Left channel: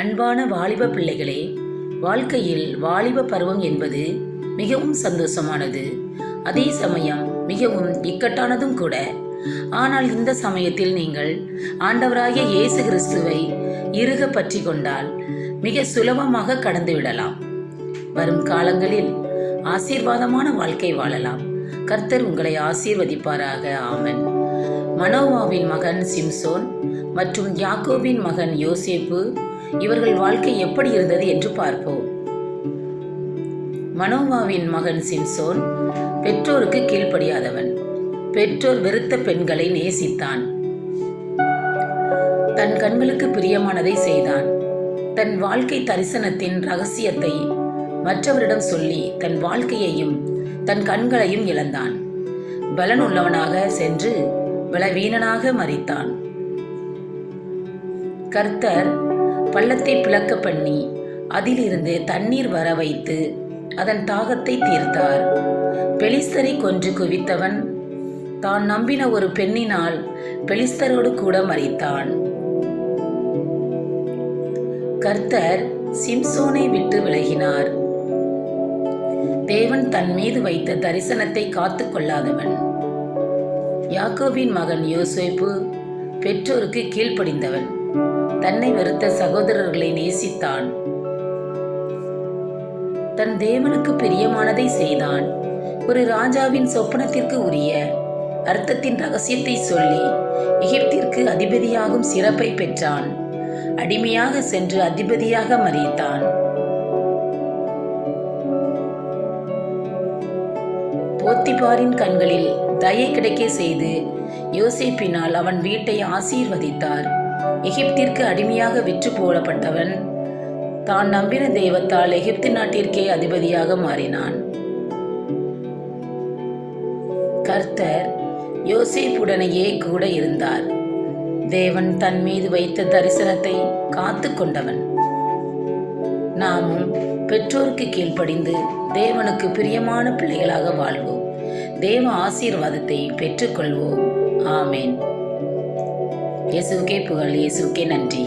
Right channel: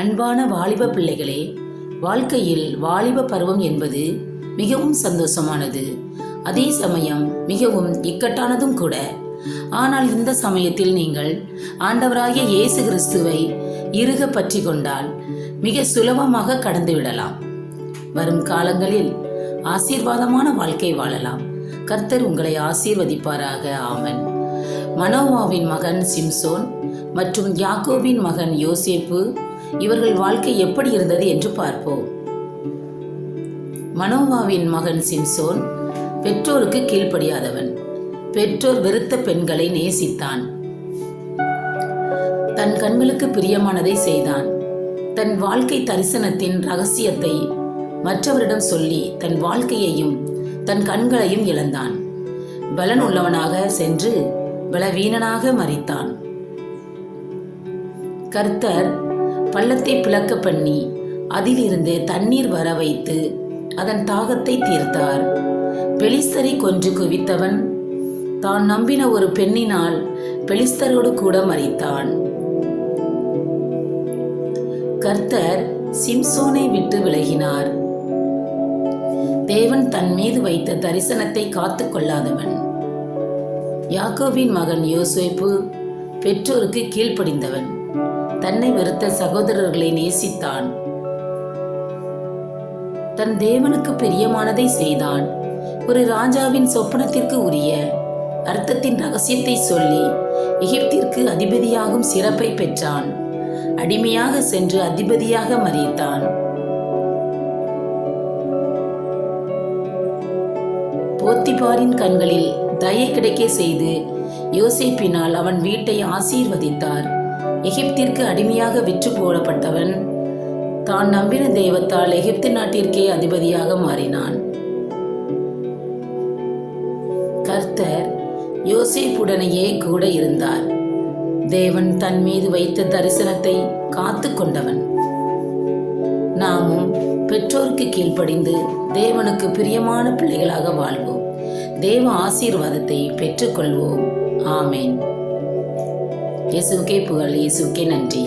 அன்பான வாலிப பிள்ளைகளே வாழ்க்கையில் வாலிப பருவம் என்பது மிகவும் சந்தோஷமானது. அதே சமயம் மிகவும் இக்கட்டானதும் கூட. ஆனால் இந்த சமயத்தில் நீங்கள் ஆண்டவராகிய இயேசு கிறிஸ்துவை இறுக பற்றி கொண்டால் மிக சுலபமாக கடந்து விடலாம். வரும் காலங்களில் ஆசீர்வாதமான வாழ்க்கை வாழலாம். கர்த்தர் உங்களை ஆசீர்வதிப்பாராக. ஆமன். மனோவாவின் மகன் சிம்சோன் மற்றும் யாக்கோபின் மகன் யோசேப்பு இவர்கள் வாழ்க்கை எப்படி இருந்தது என்று பார்ப்போம். மனோவாவின் மகன் சிம்சோன் பெற்றோருக்கு கீழ்ப்படியாதவன். பெற்றோர் வெறுத்த பெண்களை நேசித்தான். தன் கண்களுக்கு பிரியமானதை செய்தான். தன் வாழ்க்கை தரிசனத்தின் ரகசியத்தை மற்றவரிடம் சொல்லி தன் வாழ்க்கையையும் தன் கண்களையும் இழந்தான். பலன் உள்ளவனாக சென்று பலவீனனாக மறித்தான். கர்த்தர் பள்ளத்தை பிளக்க பண்ணி அதிலிருந்து தண்ணீர் வர வைத்து அதன் தாகத்தை தீர்த்தார். பெலிஸ்தரை கொன்று குவித்தவன் தான் நம்பின ஒரு பெண்ணினால் பெலிஸ்தரோடு கூட மறித்தான் கர்த்தர் சிம்சோனை விட்டு விலகினார். தேவன் தன் மீது வைத்த தரிசனத்தை காத்து கொள்ளாதவன். யாக்கோபின் மகன் யோசேப்பு பெற்றோருக்கு கீழ்ப்படிந்தவன். தன்னை வெறுத்த சகோதரர்களை நேசித்தான். தன் தேவனுக்கு பிரியமானதை செய்தான். ஒரு ராஜாவின் சொப்பனத்திற்கு உரிய அர்த்தத்தின் ரகசியத்தை சொல்லி எகிப்திற்கு அதிபதியாகும் சிறப்பை பெற்றான். அடிமையாக சென்று அதிபதியாக மறித்தான். போத்திபாரின் கண்களில் தயை கிடைக்க செய்து யோசிப்பினால் அவன் வீட்டை ஆசீர்வதித்தார். எகிப்திற்கு அடிமையாக விற்று போடப்பட்டவன். தான் நம்பின தெய்வத்தால் எகிப்து நாட்டிற்கே அதிபதியாக மாறினான். கர்த்தர் யோசேப்புடனேயே கூட இருந்தார். தேவன் தன் மீது வைத்த தரிசனத்தை காத்து கொண்டவன் நாமும் பெற்றோருக்கு கீழ்ப்படிந்து தேவனுக்கு பிரியமான பிள்ளைகளாக வாழ்வோம். தேவ ஆசீர்வாதத்தை பெற்றுக்கொள்வோம். ஆமேன். இயேசுக்கே புகழ் இயேசுக்கே நன்றி